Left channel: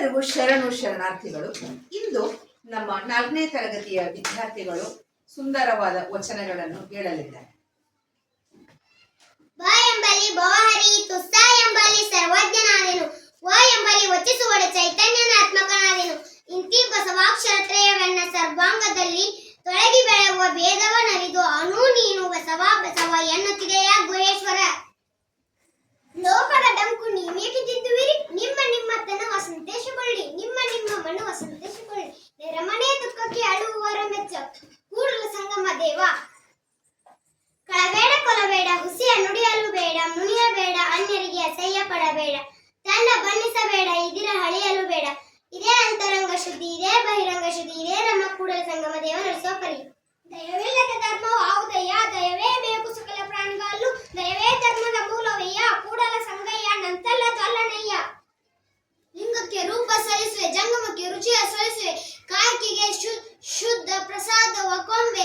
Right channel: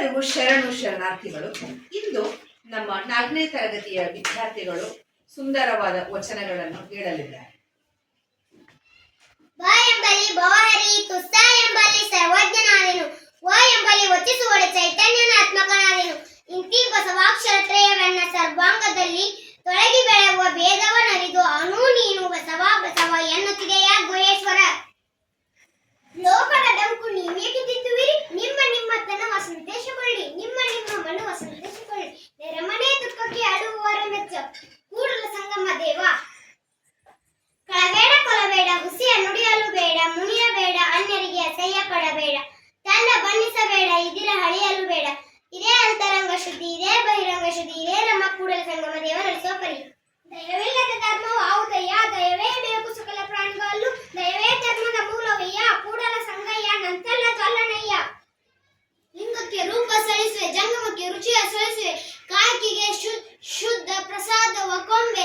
ಎಲ್ಲರಿಗೂ ಶರಣಾರ್ಥಿಗಳು. ಇಂದು ನಮ್ಮ 4ನೇ ತರಗತಿಯ ವಿದ್ಯಾರ್ಥಿಗಳು ಸುಂದರವಾದ ವಚನಗಳನ್ನು ಹೇಳಲಿದ್ದಾರೆ. ಬ ಎಂಬಲ್ಲಿ ಭವಹರಿ, ತುಸ್ಸ ಎಂಬಲ್ಲಿ ಸರ್ವಜ್ಞನಾದೆನು, ವ ಎಂಬಲ್ಲಿ ವಚಿಸುವಡ ಚೈತನ್ಯನಾತ್ಮಕನಾದೆನು. ಇಂತಿ ಬಸವಾಕ್ಷರತ್ರಯವೆನ್ನ ಸರ್ವಾಂಗದಲ್ಲಿ ತೊಳಗಿ ಬೆಳೆಯುವ ಭೇದವನರಿದು ಅನು ನೀನು ಬಸವ ಬಸವ ಎನ್ನುತ್ತಿದೆಯ ಗುಹೇಶ್ವರ. ಲೋಕದ ಡಂಕು ನೀವೇಕೆ ತಿದ್ದುವಿರಿ, ನಿಮ್ಮ ತನವ ಸಂತೇಶಗೊಳ್ಳಿ, ನಿಮ್ಮ ಮನವ ಸಂತೇಶಗೊಳ್ಳಿ. ನೆರೆಮನೆ ದುಃಖಕ್ಕೆ ಅಳುವವರ ಮೆಚ್ಚ ಕೂಡಲ ಸಂಗಮ ದೇವ. ಕಳಬೇಡ ಕೊಲಬೇಡ, ಹುಸಿಯ ನುಡಿಯಲು ಬೇಡ, ಮುನಿಯಬೇಡ, ಅನ್ಯರಿಗೆ ಅಸಹ್ಯ ಪಡಬೇಡ, ತಂಡ ಬಣ್ಣಿಸಬೇಡ, ಇದಿರ ಹಳಿಯಲು ಬೇಡ. ಇದೇ ಅಂತರಂಗ ಶುದ್ಧಿ, ಇದೇ ಬಹಿರಂಗ ಶುದ್ಧಿ, ಇದೇ ನಮ್ಮ ಕೂಡಲ ಸಂಗಮ ದೇವ ನಡೆಸೋ ಪರಿ. ದಯವಿಲ್ಲದ ಧರ್ಮವು ಆವುದಯ್ಯ, ದಯವೇ ಬೇಕು ಸಕಲ ಪ್ರಾಣಿಗಳಲ್ಲೂ, ದಯವೇ ಧರ್ಮದ ಮೂಲವಯ್ಯ, ಕೂಡಲ ಸಂಗಯ್ಯ ನಂತಲ್ಲ ತೊಲ್ಲನಯ್ಯ. ಲಿಂಗಕ್ಕೆ ರೂಪ ಸರಿಸುವೆ, ಜಂಗಮಕ್ಕೆ ರುಚಿಯ ಸರಿಸುವೆ, ಕಾಯ್ಕಿಗೆ ಶುದ್ಧ ಪ್ರಸಾದವ ಕೊಂಬೆ,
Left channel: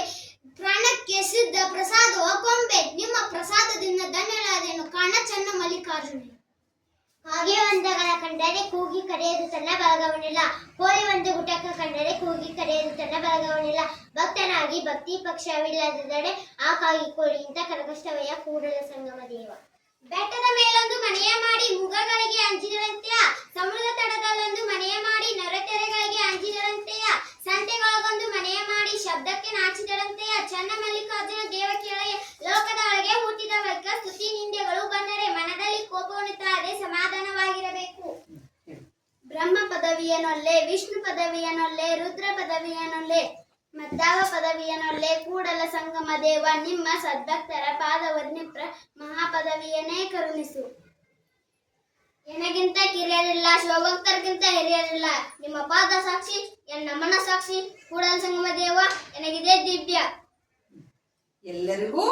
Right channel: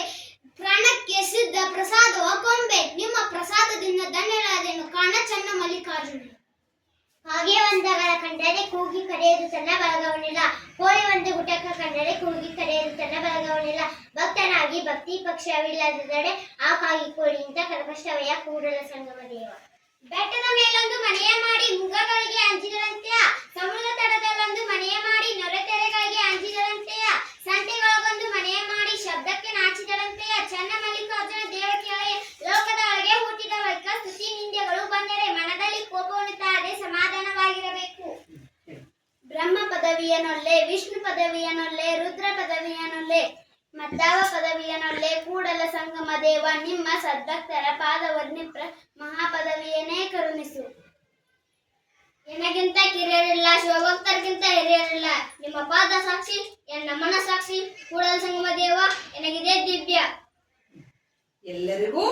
ಪ್ರಾಣಕ್ಕೆ ಸಿದ್ಧ ಪ್ರಸಾದವ ಕೊಂಬೆ. ನಿಮ್ಮ ಪ್ರಸಾದದಿಂದ ಧನ್ಯಳಾದೆನು ಕಾಣ ಚನ್ನ ಮಲ್ಲಿಕಾರ್ಜುನ. ಹಾಗೆ ಒಂದಗಳ ಕಂಡರೆ ಕೂಗಿ ಕರೆಯದು ತನ್ನ ಬಲಗವನಿಲ್ಲ, ಕೋಳಿ ಒಂದು ಗುಟಕ ಕಂಡರೆ ಕೂಗಿ ಕರೆಯದು ತನ್ನ ಬಲಗವನಿಲ್ಲ. ಭಕ್ತನಾಗಿ ಭಕ್ತಿ ಪಕ್ಷವಿಲ್ಲದಡೆ ಆ ಕಾಗಿ ಕೋಳಿಯಿಂದ ಕರಕಷ್ಟವಯ್ಯ ಕೂಡಲ ಸಂಗಮ ದೇವ. ಬೆಟ್ಟದ ಮೇಲೊಂದು ಮನೆಯ ಮಾಡಿ ಮುಗಗಳಿಗೆ ಅಂಜಿದರಂತೆಯ, ಸಮುದ್ರದ ತಡದಲ್ಲೊಂದು ಮನೆಯ ಮಾಡಿ ನೊರೆತೆರೆಗಳಿಗೆ ಅಂಜಿದರಂತೆಯ, ಸಂತೆಗಳೊಂದು ಮನೆಯ ಮಾಡಿ ಶಬ್ದಕ್ಕೆ ನಾಚಿದರಂತೆಯ. ಚನ್ನ ಮಲ್ಲಿಕಾರ್ಜುನ ದೇವ ಕೇಳೆಯ, ಲೋಕದ ಒಳಗೆ ಹುಟ್ಟಿದ ಬಳಿಕ ಸ್ತುತಿ ನಿಂದ್ಯಗಳು ಬಂದರೆ ಮನದಲ್ಲಿ ಕೋಪವನ್ನು ತಾರದೆ ಸಮಾಧಾನವಾಗಿರಬೇಕು. ಬ್ರಹ್ಮ ಪದವಿಯನೊಲ್ಲೆ, ವಿಷ್ಣು ಪದವಿಯನೊಲ್ಲೆ, ರುದ್ರ ಪದವಿಯನೊಲ್ಲೆ, ಮದ್ದಾವ ಪದವಿಯನೊಲ್ಲೆ ಕೂಡಲ ಸಂಗಮ ದೇವ. ನಿಮ್ಮ ಸದ್ಭಕ್ತರ ಪಾದವನ್ನಿಪ್ರ ಮಹಾಪದವಿಯನ್ನೇ ಕರುಣಿಸು. ಎನಗಿಂತ ಕಿರಿಯರಿಲ್ಲ, ಶಿವಭಕ್ತರಿಗಿಂತ ಹಿರಿಯರಿಲ್ಲ, ನಿಮ್ಮ ಪಾದ ಸಾಕ್ಷಿ, ಎನ್ನ ಮನ ಸಾಕ್ಷಿ, ಕೂಡಲ ಸಂಗಮ ದೇವ ಎನಗಿದೆ ದಿವ್ಯ. ಎಲ್ಲರಿಗೂ